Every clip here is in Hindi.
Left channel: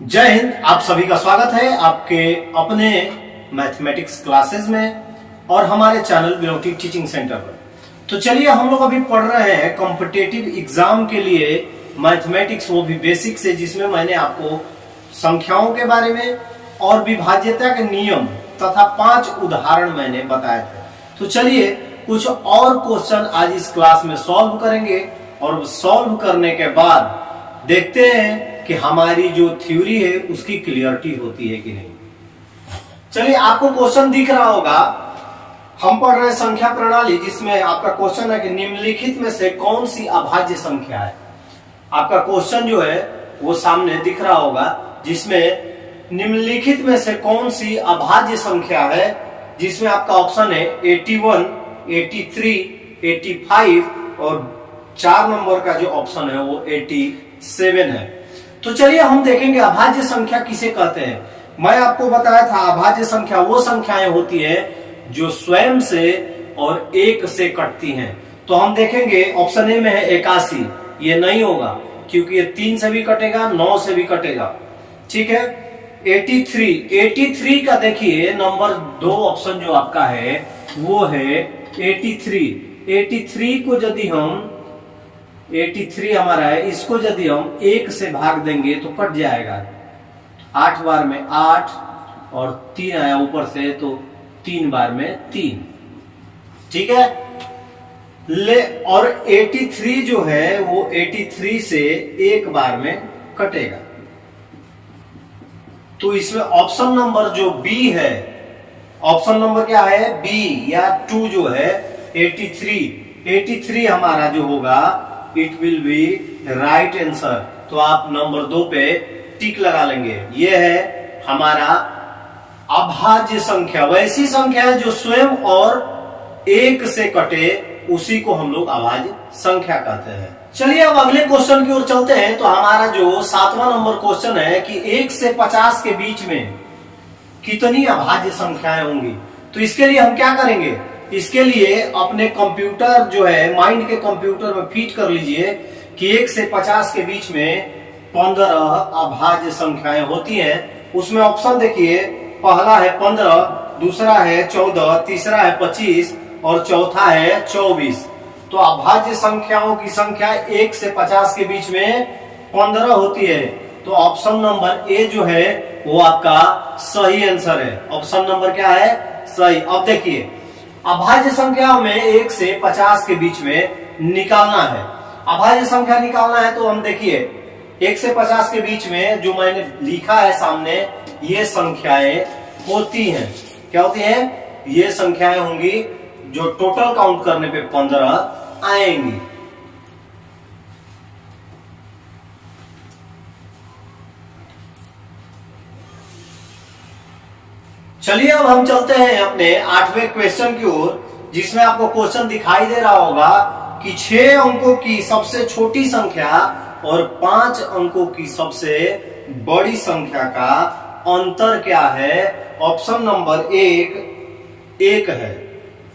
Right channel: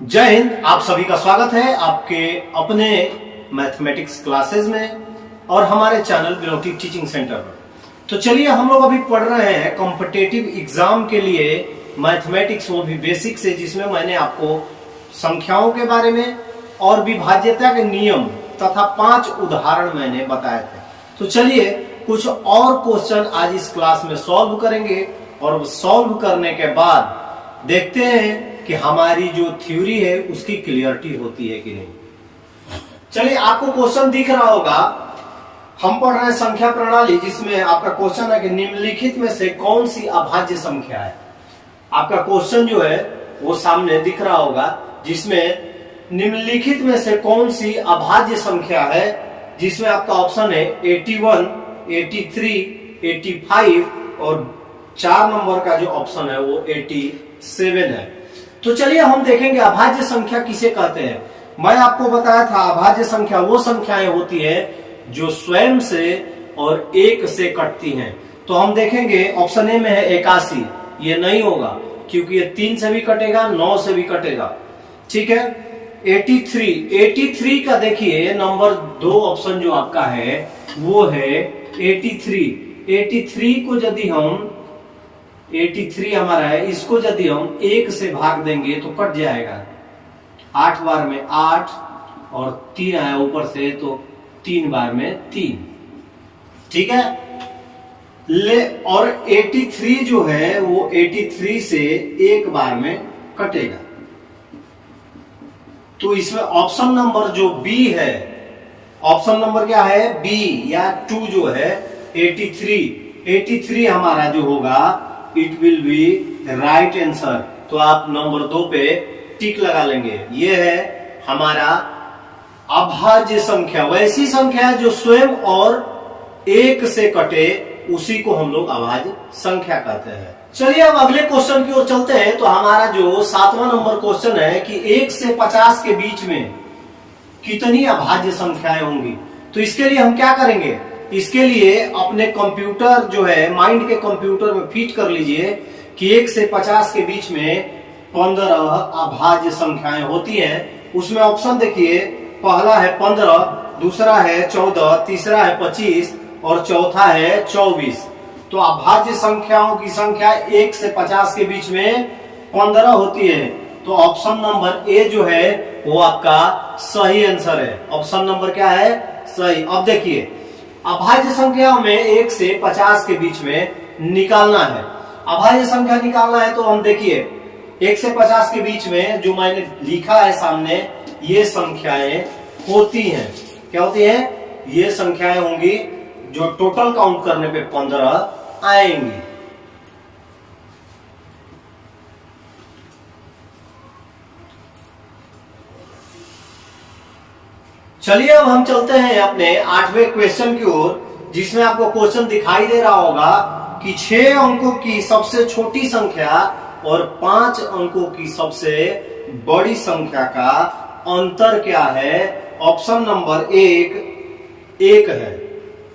जय हिंद। आप सभी का स्वागत है आपके अपने मैथमेटिक्स क्लासेस में और हमारे चैनल बिलोटी टीचिंग सेंटर पर। तो चलिए हम लोग अभी पढ़ रहे हैं कॉम्पिटिटिव एग्जाम के लिए मैथमेटिक्स, वो भी बेसिक से, जिसमें मैंने आपको संख्याओं के बारे में और विभाज्यता के नियम तथा 5 उदाहरण मैंने बताए थे। तो चलिए कुछ और क्वेश्चन आज इस क्लास में सॉल्व करेंगे और सॉल्व करने के बाद देखते हैं कि हमारी जो थ्योरी है उसकी क्लियरिटी होती है कि नहीं। चलिए, आपको क्वेश्चन दिख रहा होगा, हम पढ़ रहे हैं संख्या प्रणाली, जिसमें आपका क्वेश्चन है कि निम्नलिखित में से कौन सी अभाज्य संख्या है। आपका क्वेश्चन जो है वो सामने दिख रहा होगा, जिसमें निम्नलिखित में से कौन सी अभाज्य संख्या है, जिसमें आपका ऑप्शन है 81, 83, 85 और 4 नंबर का जो ऑप्शन है वो 87 है। तो चलिए हम देखेंगे अभाज्य संख्या किसे कहते हैं। मैं आपको बताया था अभाज्य संख्या वो संख्याएं होती है जो स्वयं से और एक से कटती हैं। तो हम देखेंगे ऑप्शन ए में है 81, ये नहीं होगा क्योंकि ये 3 से भी कटेगा, 9 से भी कटेगा। ठीक है। 83 का देखिए नंबर 2 ऑप्शन जो आपका है वो है 83 को यदि हम 83 हमारा है, इसको यदि हम 1 से भाग देंगे तो कट जाएगा। 8 बार में 8 और 3 आया ऊपर से, तो 3 बार में 3। ठीक है। और 83 जो है वो 83 से 1 बार में कटेगा। तो इसमें ऑप्शन नंबर जो बी है, ऑप्शन नंबर क्या है, बी या 2 जो है 83 हमारा जो होगा it will be right answer. तो आप नंबर 2 पे टिक लगा लेंगे। यह है हमारा अभाज्य संख्या। वैसी संख्या है जो स्वयं और एक से कटे, उसी को हम लोग अभाज्य संख्या कहते हैं। चलिए अब अगले क्वेश्चन की ओर चलते हैं। तो हमारा जो 7वां नंबर क्वेश्चन है कि 1 से 50 के बीच में कितनी अभाज्य संख्याएं होंगी। तो इसके लिए हम क्या करेंगे, इसके लिए अपने कंप्यूटर जो है माइंड के कंप्यूटर में फीड कर लीजिए कि 1 से 50 के बीच में 15 अभाज्य संख्याएं होती हैं। उसमें ऑप्शन देखिए, पहला है 15, दूसरा है 14, तीसरा है 25 और चौथा है 24। तो अभाज्य संख्याओं की संख्या 1 से 50 के बीच में 15 होती है। तो ऑप्शन नंबर ए जो है वो आपका सही आंसर है। ऑप्शन नंबर क्या है, सही। अब देखिए अभाज्य संख्या में 1 से 50 के बीच में निकालना है। अभाज्य संख्या निकालना है तो हम देखिए 1 से 50 के बीच में जो मैंने लिखा है सामने, ये संख्याएं होती हैं। क्या होती है, ये संख्याएं होंगी जो टोटल काउंट करने पे 15 आएंगी। चलिए अब हम चलते हैं अपने 8वें क्वेश्चन की ओर, जिसमें आपको क्वेश्चन दिखाई दे रहा होगा कि 6 अंकों की सबसे छोटी संख्या और 5 अंकों की सबसे बड़ी संख्या का अंतर क्या है। ऑप्शन नंबर 1 है,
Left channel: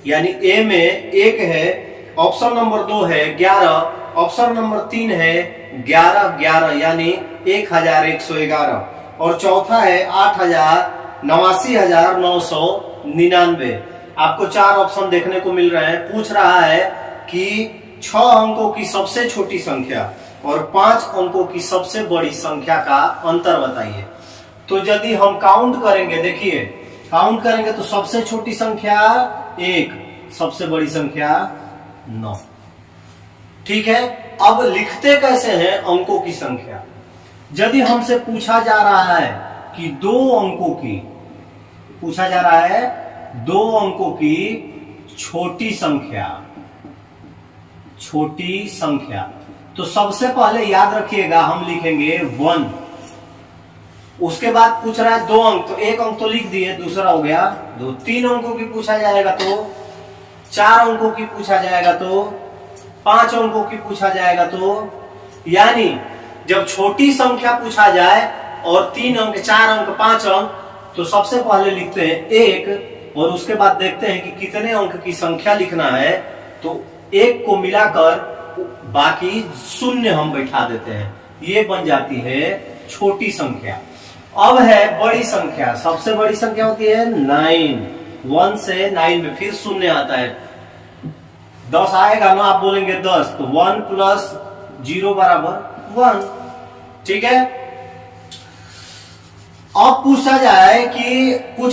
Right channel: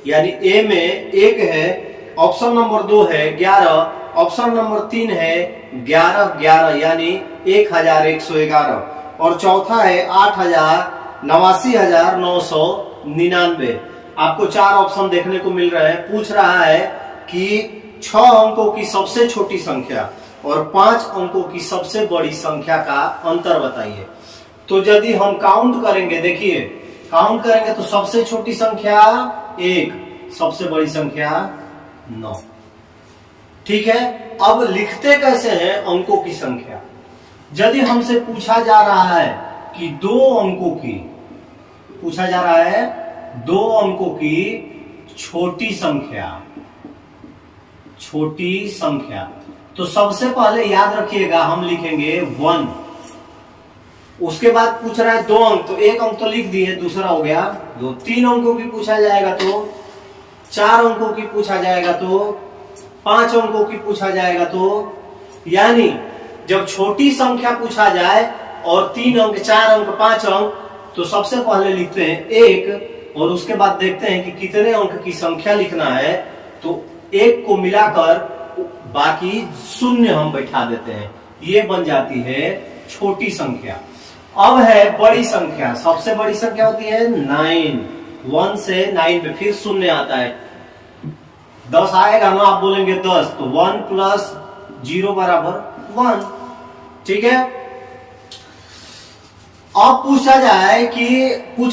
यानी ए में 1 है। ऑप्शन नंबर 2 है 11, ऑप्शन नंबर 3 है 11, यानी 1111, और चौथा है 89,999। आपको 4 ऑप्शन देखने को मिल रहे हैं। पूछ रहा है कि 6 अंकों की सबसे छोटी संख्या और 5 अंकों की सबसे बड़ी संख्या का अंतर बताइए। तो यदि हम काउंट करेंगे, देखिए काउंट करेंगे तो सबसे छोटी संख्या 1, सबसे बड़ी संख्या 9। ठीक है। अब लिखते कैसे हैं अंकों की संख्या। यदि हमसे पूछा जा रहा है कि 2 अंकों की, पूछा जा रहा है 2 अंकों की छोटी संख्या, तो सबसे पहले याद रखिएगा हम लिखेंगे 1। उसके बाद पूछ रहा है 2 अंक, तो 1 अंक तो लिख दिए, दूसरा हो गया 2। 3 अंकों की पूछा जाएगा तो 4 अंकों की पूछा जाएगा तो 5 अंकों की पूछा जाएगा तो, यानी जब छोटी संख्या पूछा जाए और 3 अंक, 4 अंक, 5 अंक, तो सबसे पहले लिखते हैं 1 और उसके बाद देखते हैं कि कितने अंक की संख्या लिखना है। तो 1 को मिलाकर बाकी 0 हम बैठा देते हैं, ये बन जाती है छोटी संख्या। अब है बड़ी संख्या, सबसे बड़ी संख्या होती है 9। 1 से 9 में फिर शून्य आता है, 10 आएगा ना, आप बोलेंगे 10, तो 1 प्लस 0 बराबर 1। ठीक है। अब पूछ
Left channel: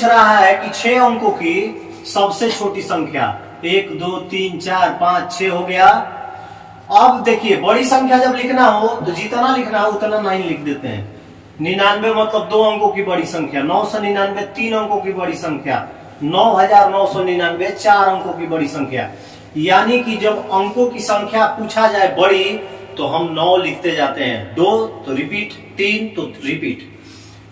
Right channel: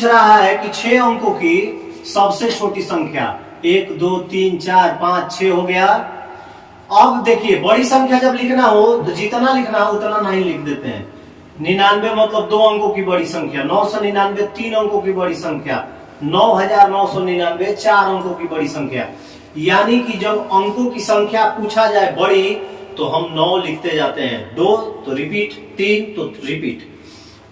रहा है कि 6 अंकों की सबसे छोटी संख्या, 1 2 3 4 5 6 हो गया। अब देखिए बड़ी संख्या जब लिखना हो तो जितना लिखना हो उतना 9 लिख देते हैं। 99 मतलब 2 अंकों की बड़ी संख्या, 999 3 अंकों की बड़ी संख्या, 9999 4 अंकों की बड़ी संख्या। यानी कि जब अंकों की संख्या पूछा जाए बड़ी तो हम 9 लिखते जाते हैं, 2 तो रिपीट, 3 तो रिपीट।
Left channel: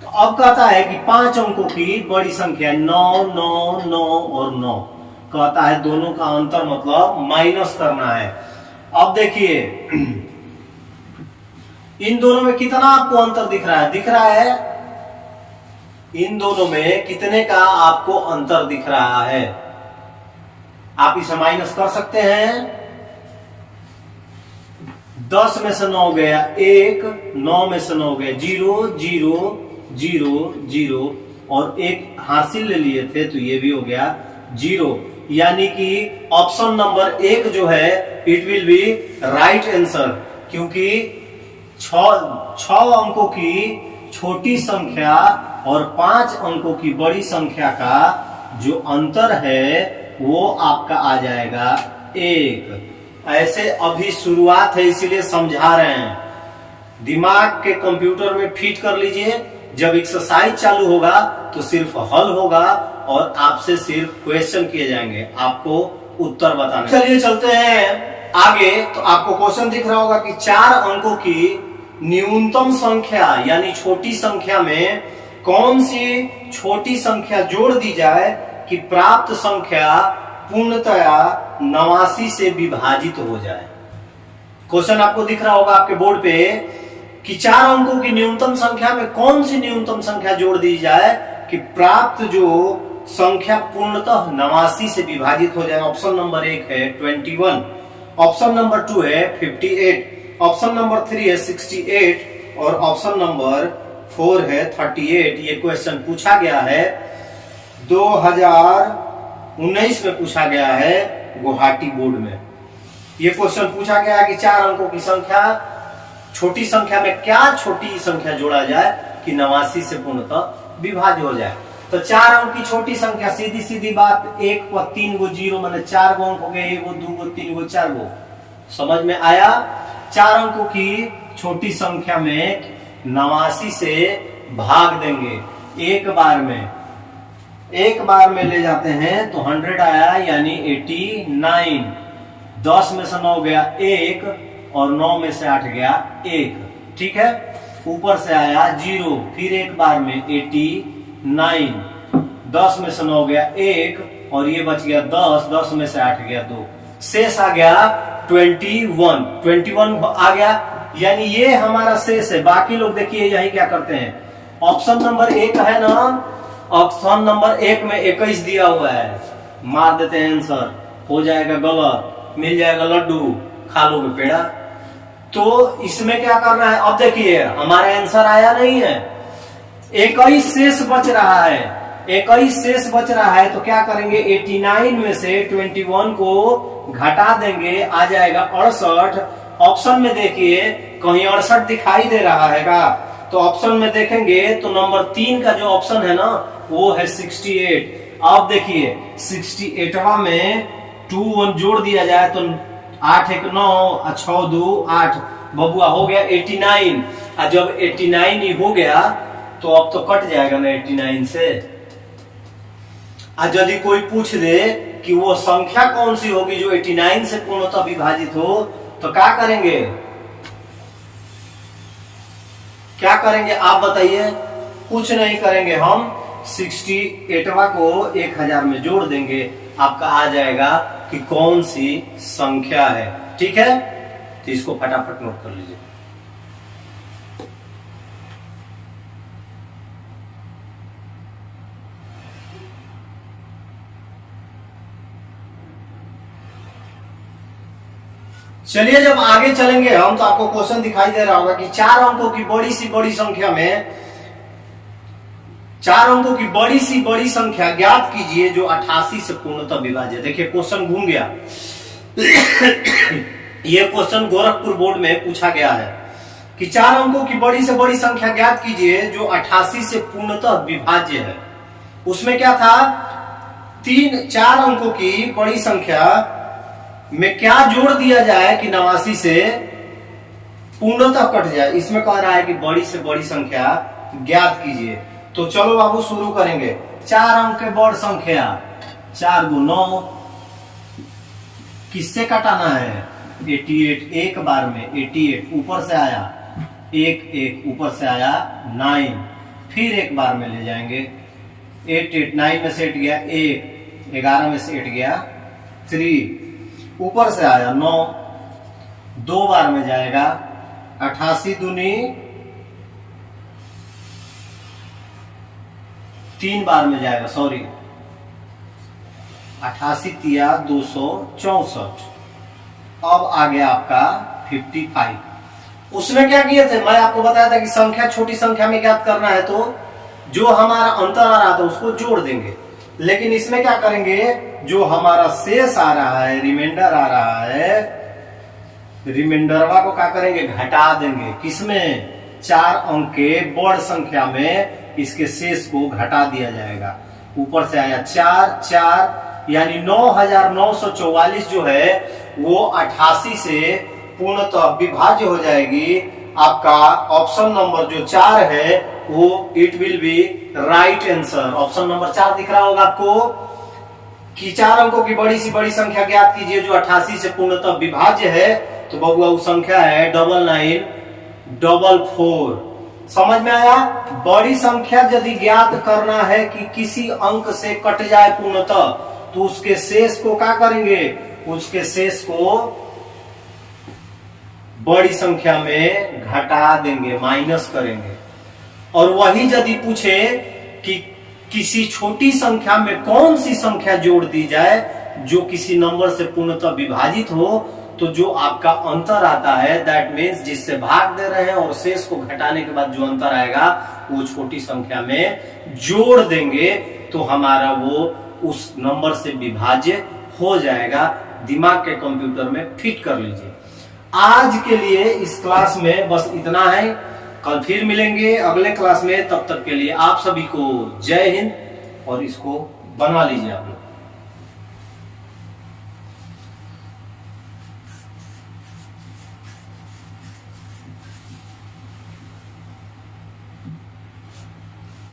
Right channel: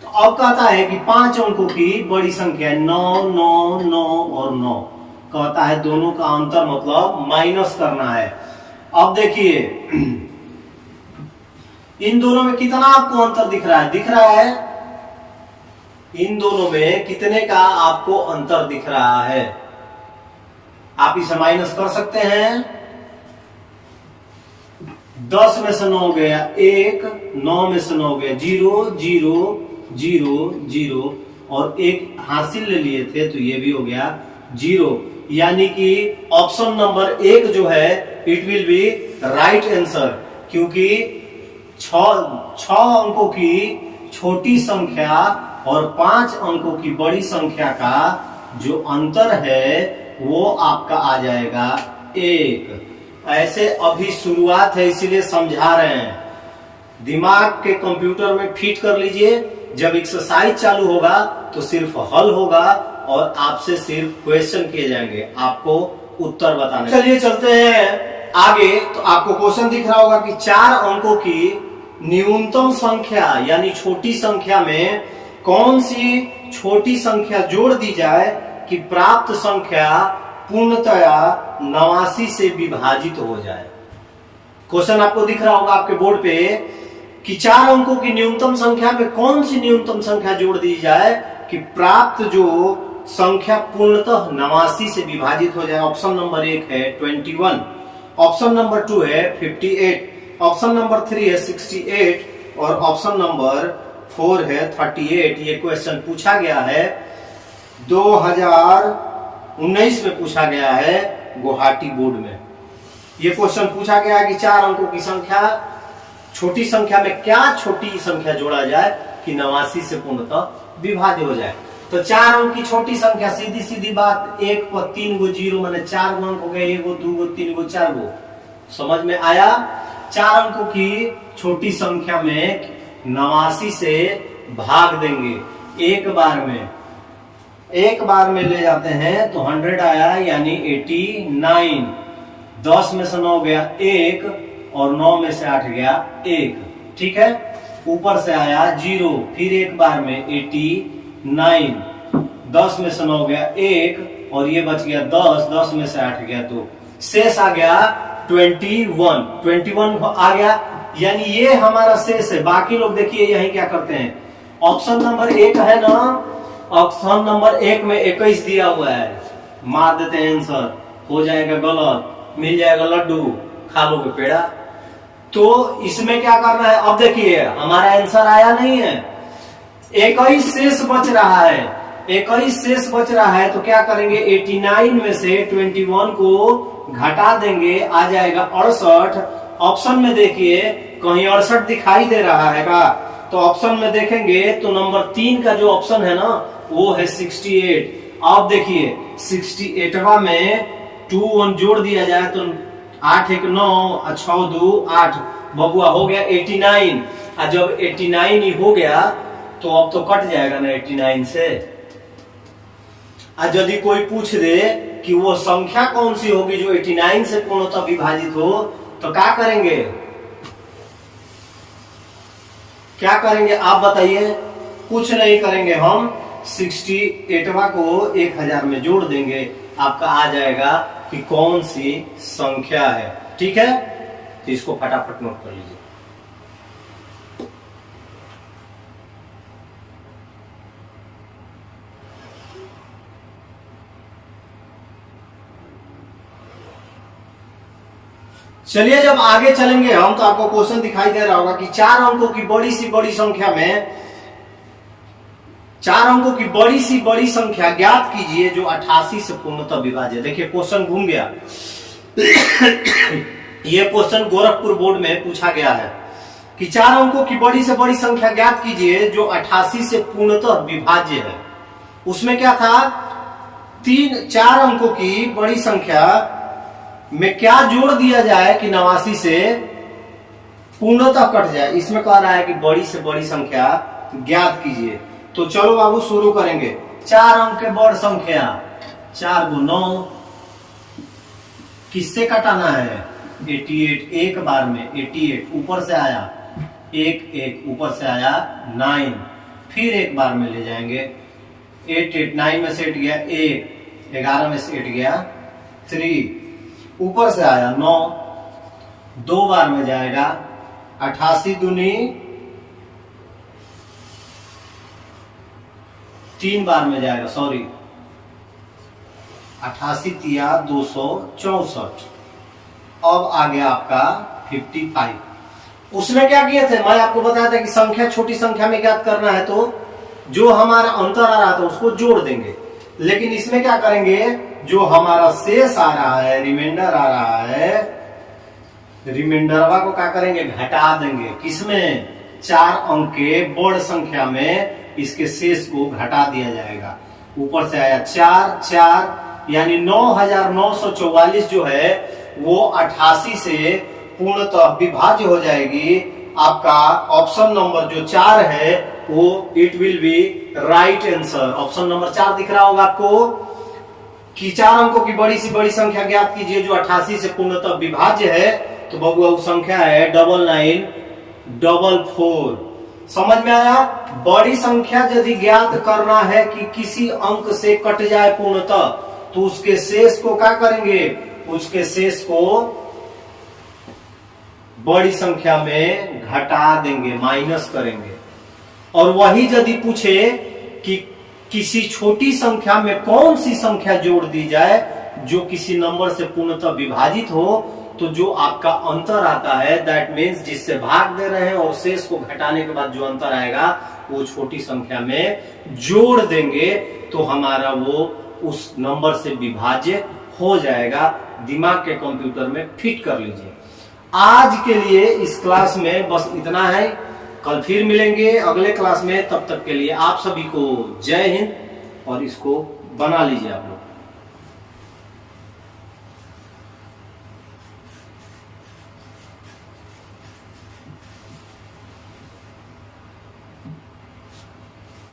तो अब कहता है कि 5 अंकों की बड़ी संख्या 9 9 9 और 9, कहता है दोनों का अंतर मतलब माइनस करना है। अब देखिए इन दोनों में कितना आपको अंतर दिख रहा है? दिख रहा है इन दोनों में कितने का आपको अंतर दिख रहा है? आप इसे माइनस कर सकते हैं। 10 में से 9 गया 1, 9 में से 9 गया 0 0 0 0 और 1 हासिल ले लिए थे तो ये भी हो गया 0। यानी कि ऑप्शन नंबर 1 जो है it will be right answer, क्योंकि 6 अंकों की छोटी संख्या और 5 अंकों की बड़ी संख्या का जो अंतर है वो आपका आ जाएगा 1। ऐसे अभी शुरुआत है इसीलिए समझा रहे हैं, दिमाग के कंप्यूटर में फिट कर लीजिए। जब एक्सरसाइज चालू होगा तो सिर्फ हल होगा और आपसे सिर्फ क्वेश्चन किए जाएंगे, आपको उत्तर बताना। चलिए चलते हैं आगे। तो आपको क्वेश्चन दिख रहा होगा कि 4 अंकों की न्यूनतम संख्या यानी छोटी संख्या में कौन सी छोटी संख्या जोड़ दी जाए कि प्राप्त संख्या पूर्णतया 89 से विभाजित हो जाए। क्वेश्चन आपको दिख रहा होगा आपके बोर्ड पे कि 4 अंकों की न्यूनतम संख्या में कौन सी न्यूनतम संख्या जोड़ दी जाए कि प्राप्त जो संख्या पूर्णतः 89 से विभाजित हो जाए। ऑप्शन नंबर 1 है 21, ऑप्शन नंबर 2 है 58, ऑप्शन नंबर 3 है 68 और ऑप्शन नंबर 4 है 38। ये क्वेश्चन पूछा गया है 2019 में पूछा गया है गुवाहाटी बोर्ड में। ये क्वेश्चन पूछा गया है कि 4 अंकों की संख्या छोटी संख्या में क्या छोटी संख्या जोड़ा जाए कि 89 से पूर्णतः विभाज्य हो जाए। तो 4 अंक की छोटी संख्या, सीधी सीधी बात, 1 पर 3 गो 0 मैंने 4 गो अंक हो गए, 1 गो 2 गो 3 गो 4 गो। समझ में आया? 4 अंकों की छोटी संख्या में 89 से भाग देंगे एक बार में ले जाते हैं तो 100 आया यानी 89। 10 में से 9 गया 1 और 9 में से 8 गया 1। ठीक है, ऊपर से आया 0, फिर एक बार में 89। 10 में से 9 गया 1 और ये बच गया 10, 10 में से 8 गया 2, शेष आ गया 21 आ गया। यानी ये हमारा शेष है। बाकी लोग देखिए यही क्या करते हैं, ऑप्शन नंबर 1 है ना, ऑप्शन नंबर 1 में 21 दिया हुआ है, मार देते हैं आंसर, हो जाएगा गलत, मिल जाएगा लड्डू, खा लोगे पेड़ा। तो इसमें क्या करना है? अब देखिए हमारा आंसर आया नहीं है, 21 शेष बच रहा है, 21 शेष बच रहा है। तो क्या करेंगे, 89 में से 21 को घटा देंगे, आ जाएगा 68। ऑप्शन में देखिए कहीं 68 दिखाई दे रहा है का? तो ऑप्शन में देखेंगे तो नंबर 3 का जो ऑप्शन है ना वो है 68। अब देखिए 68वां में 2 1 जोड़ दिया जाए तो 8 1 9 और 6 2 8, बबुआ हो गया 89। और जब 89 ही हो गया तो अब तो कट जाएगा ना 89 से। और यदि कोई पूछ दे कि वो संख्या कौन सी होगी जो 89 से पूर्णतः विभाजित हो, तो क्या करेंगे? क्या करेंगे आप बताइए? कुछ नहीं करेंगे, हम 68वां को 1000 में जोड़ देंगे, आपका आ जाएगा कि कौन सी संख्या है। ठीक है, तो इसको फटाफट नोट कर लीजिए। चलिए जब आगे चलेंगे हम तो आपको क्वेश्चन दिखाई दे रहा होगा कि 4 अंकों की बड़ी सी बड़ी संख्या में 4 अंकों की बड़ी सी बड़ी संख्या ज्ञात कीजिए जो 88 से पूर्णतः विभाज्य। देखिए क्वेश्चन घूम गया। यह क्वेश्चन गोरखपुर बोर्ड में पूछा गया है कि 4 अंकों की बड़ी से बड़ी संख्या ज्ञात कीजिए जो 88 से पूर्णतः विभाज्य है। उसमें क्या था, 4 अंकों की बड़ी संख्या में क्या जोड़ दिया जाए कि 89 से पूर्णतः कट जाए। इसमें कह रहा है कि बड़ी से बड़ी संख्या ज्ञात कीजिए। तो चलो बाबू शुरू करेंगे। 4 अंक के बड़ संख्या 4 × 9 किससे कटाना है, 88 एक बार में 88 ऊपर से आया 1 ऊपर से आया 9, फिर एक बार में ले जाएंगे 8 9 में से 8 गया 1, 11 में से 8 गया 3, ऊपर से आया 9, 2 बार में जाएगा 88 दूनी 3 बार में जाएगा, सॉरी 88 तिया 264। अब आ गया आपका 55। उसमें क्या किए थे, मैं आपको बताया था कि संख्या छोटी संख्या में ज्ञात करना है तो जो हमारा अंतर आ रहा था उसको जोड़ देंगे। लेकिन इसमें क्या करेंगे, जो हमारा शेष आ रहा है, रिमाइंडर आ रहा है, रिमाइंडरवा को क्या करेंगे, घटा देंगे। किसमें, 4 अंक के बड़ संख्या में इसके शेष को घटा दिया जाएगा। ऊपर से आया 4 यानी 9944 जो है वो 88 से पूर्णतः विभाज्य हो जाएगी। आपका ऑप्शन नंबर जो 4 है वो it will be right answer. Option number 4 दिख रहा होगा आपको कि 4 अंकों की बड़ी सी बड़ी संख्या ज्ञात कीजिए जो 88 से पूर्णतः विभाज्य है। तो बबुआ वो संख्या है 9944। समझ में आया। बड़ी संख्या यदि ज्ञात करना है कि किसी अंक से कट जाए पूर्णतः तो उसके शेष को क्या करेंगे, उसके शेष को बड़ी संख्या में घटा देंगे, माइनस करेंगे। और वही यदि पूछे कि किसी छोटी संख्या में कौन सी संख्या जोड़ दी जाए जो किसी नंबर से पूर्णतः विभाजित हो, तो जो आपका अंतर आता है दैट मीन्स जिससे भाग दे रहे हैं और शेष को घटाने के बाद जो अंतर आएगा वो छोटी संख्या में जोड़ देंगे तो हमारा वो उस नंबर से विभाज्य हो जाएगा। दिमाग के कंप्यूटर में फिट कर लीजिए। आज के लिए इस क्लास में बस इतना है। कल फिर मिलेंगे अगले क्लास में। तब तक के लिए आप सभी को जय हिंद और इसको बना लीजिए आप लोग।